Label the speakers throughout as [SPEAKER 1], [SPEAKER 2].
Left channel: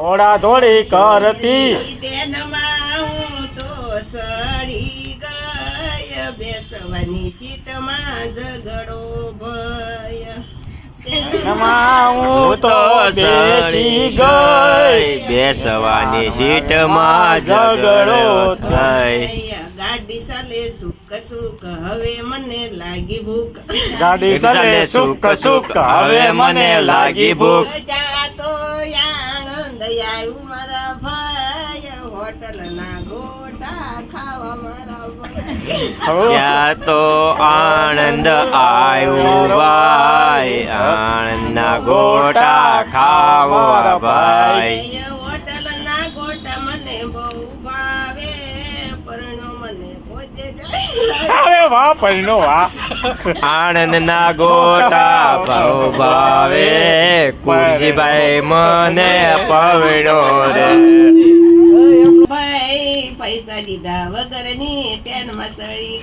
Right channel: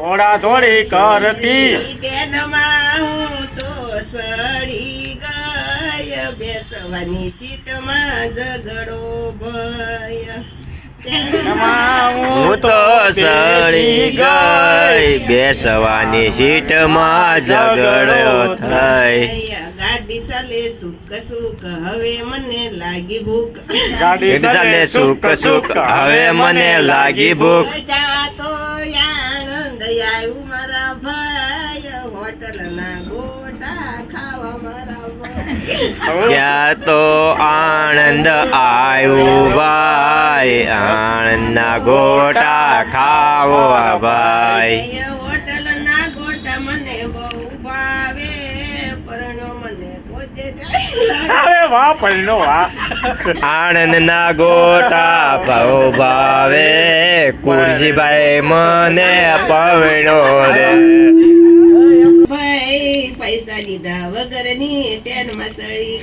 [SPEAKER 1] થોડા થોડી કરતી.
[SPEAKER 2] તેનમાં હું તો સડી ગય બેસવાની સીટમાં ઝઘડો ભય.
[SPEAKER 3] હું તો સડી ગઈ. બેસવાની સીટમાં ઝઘડો થઈ.
[SPEAKER 2] ગાડી ચાલે સુખ સુખ હવે મને લાગી ભૂખ.
[SPEAKER 1] ગાડી
[SPEAKER 3] ચાલે સુખ સુખ હવે મને લાગી ભૂખ.
[SPEAKER 2] આવ્યું મારા ભાઈ હોટલ ના ગોટા ખાવા મારા
[SPEAKER 3] ત્યાં તો આનંદ આવ્યું ભાઈ આનંદના ગોટા ખાવો ભાઈ.
[SPEAKER 1] વાહ પૈનો વાહ
[SPEAKER 3] આનંદના ગોટા ભાવ ભાવે. કુરજીભાઈ મને પવડો રે.
[SPEAKER 2] ભાઈ પૈસા લીધા વગરની તેન મસળી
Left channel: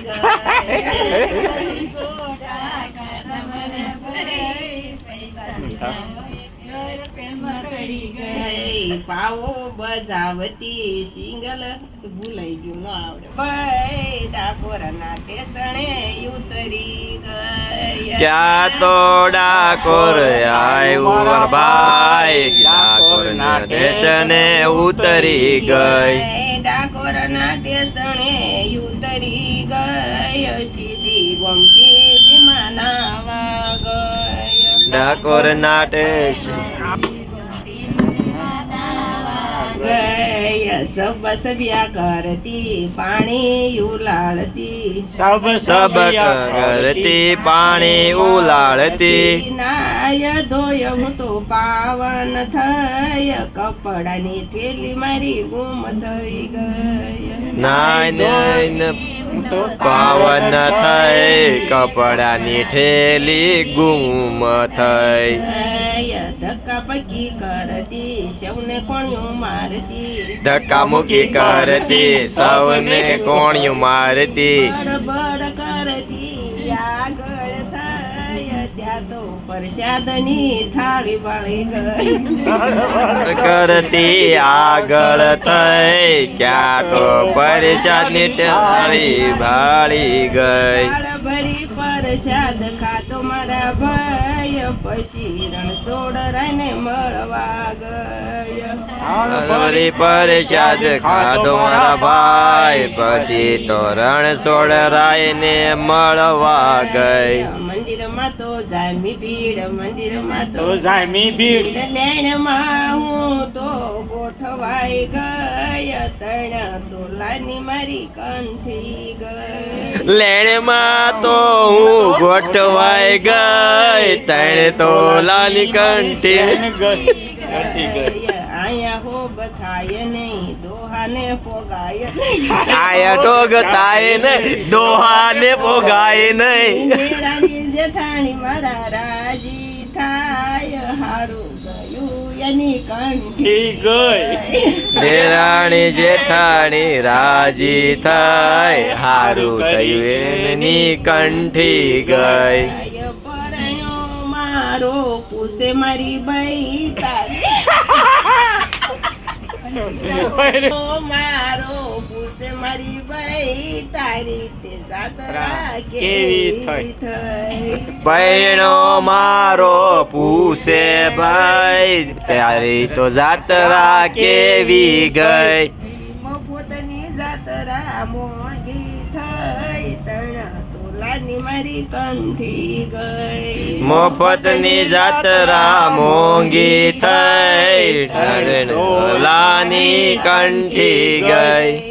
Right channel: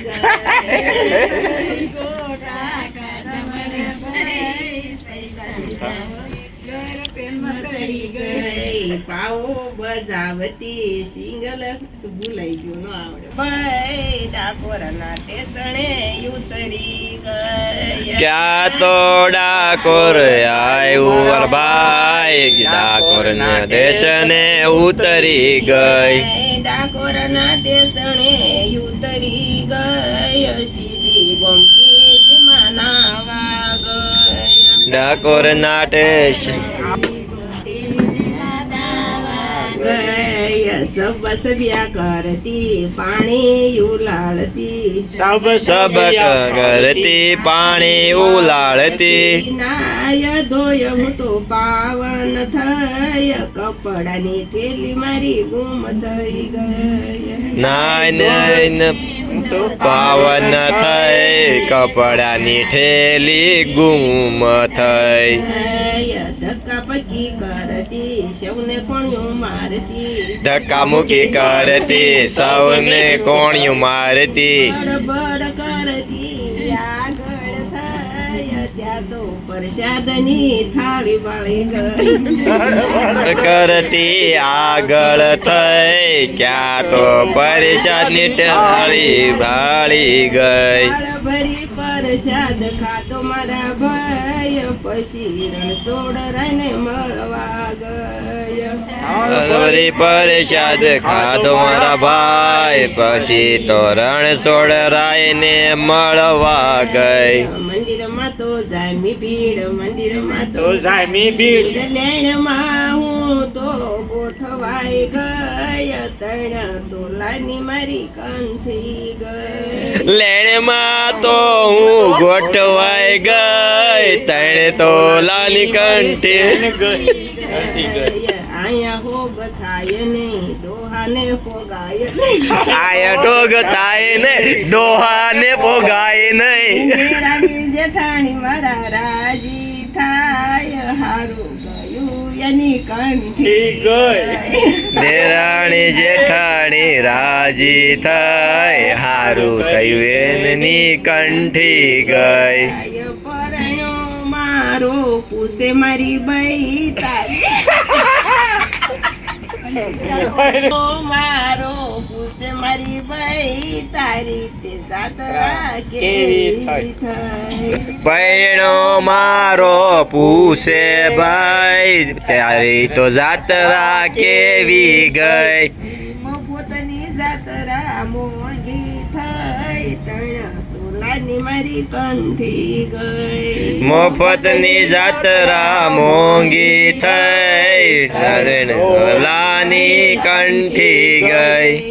[SPEAKER 2] ગઈ પાવો બજાવતી સિંગલ ભૂલાઈ ગયું ન આવડે. ભાઈ ડાકોરના ટેસણે ઉતરી ગઈ
[SPEAKER 3] ક્યાં તો ડાકોર આવ્યું ભાઈ ડાકોરના ટેસણે ઉતરી ગઈ.
[SPEAKER 2] ડાકોરના ટેસણે ઉતરી ગઈ. સીધી ગોમતી વિમાનાવા વાગ
[SPEAKER 3] ડાકોર ના ટેશન
[SPEAKER 2] સબ સજ્યા કરતી પાણી ઉલાળતી.
[SPEAKER 1] સબ
[SPEAKER 3] સબક કરતી પાણી ઉલાળતી.
[SPEAKER 2] નાય ધોય હું તો પાવન થય કપડાની થેલી મારી ગુમ થઈ ગઈ.
[SPEAKER 3] નાય નાય પાવન થઈ કપડાની ઠેલી ગુમ થઈ.
[SPEAKER 2] પકી કરતી સૌને કોણિયું મારતી.
[SPEAKER 3] ધક્કા મુકી કરતી સૌને કોણિયું મારતી.
[SPEAKER 2] બડબડ કરતી આગળ થાય. ત્યાં તો પ્રસાદની થાળી વાળી ગઈ.
[SPEAKER 3] કરતી આગળ થઈ. ક્યાં તો પરિષદની થાળી ભાળી ગઈ.
[SPEAKER 2] થાળ ભરી પ્રસાદ ખાધો મારા ભાઈ પછી રણછોડ રાયને મળવા ગયા.
[SPEAKER 3] પ્રસાદ ખાધો મારા ભાઈ પછી તો રણછોડ રાયને મળવા ગઈ.
[SPEAKER 2] મંદિરમાં તો જામી ભીડ મંદિરમાં તો
[SPEAKER 1] તો જામી ભીડ
[SPEAKER 2] લેણમાં હું તો ગોઠવાઈ ગય તણ તોલાની મારી કંઠી ગઈ
[SPEAKER 3] લેણમાં તો હું ગોઠવાઈ ગઈ તણે તોલાની કંઠી કંઠી ગઈ
[SPEAKER 2] આયા હો બખાય નહીં દોહાને નહીં.
[SPEAKER 3] આયા ટોગ થાય ને દોહાને ભોગાય નહીં.
[SPEAKER 2] જેઠાણી મારા રાજી. થાય હારું ગયું એની કંઠી
[SPEAKER 1] ગઈ.
[SPEAKER 3] દેરાણી જેઠાણી રાજી થઈ હારું થયું એની કંઠી ગઈ.
[SPEAKER 2] આય પરણ્યો મારો પૂછે મારી બઈ તારી તારી તે જાતરા કેવી થઈ
[SPEAKER 3] પૈણો મારો પૂછે ભાઈ તારી તો જાત્રા કેવી ગઈ?
[SPEAKER 2] પોતાની જાતરા મોંઘી થઈ તણા તોલાની મારી કંઠી ગઈ.
[SPEAKER 3] મફતની જાત્રા મોંઘી થઈ લાની કંઠી
[SPEAKER 2] ગઈ.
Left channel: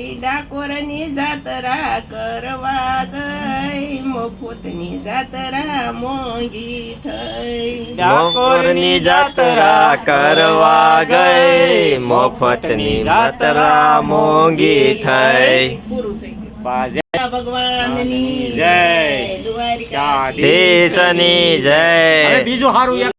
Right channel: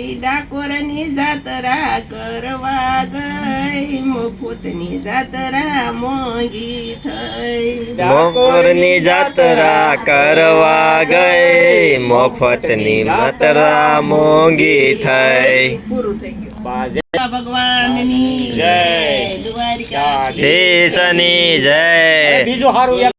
[SPEAKER 2] મફતની જાતરા મોંઘી થઈ
[SPEAKER 3] મોરની જાત્રા કરવા ગઈ મફતની જાત્રા મોંઘી થઈ
[SPEAKER 2] પૂરું થઈ ગયું
[SPEAKER 1] બાજે
[SPEAKER 2] ભગવાનની
[SPEAKER 1] જય.
[SPEAKER 2] દ્વારિકા
[SPEAKER 3] દેશની જય
[SPEAKER 1] બીજું સારું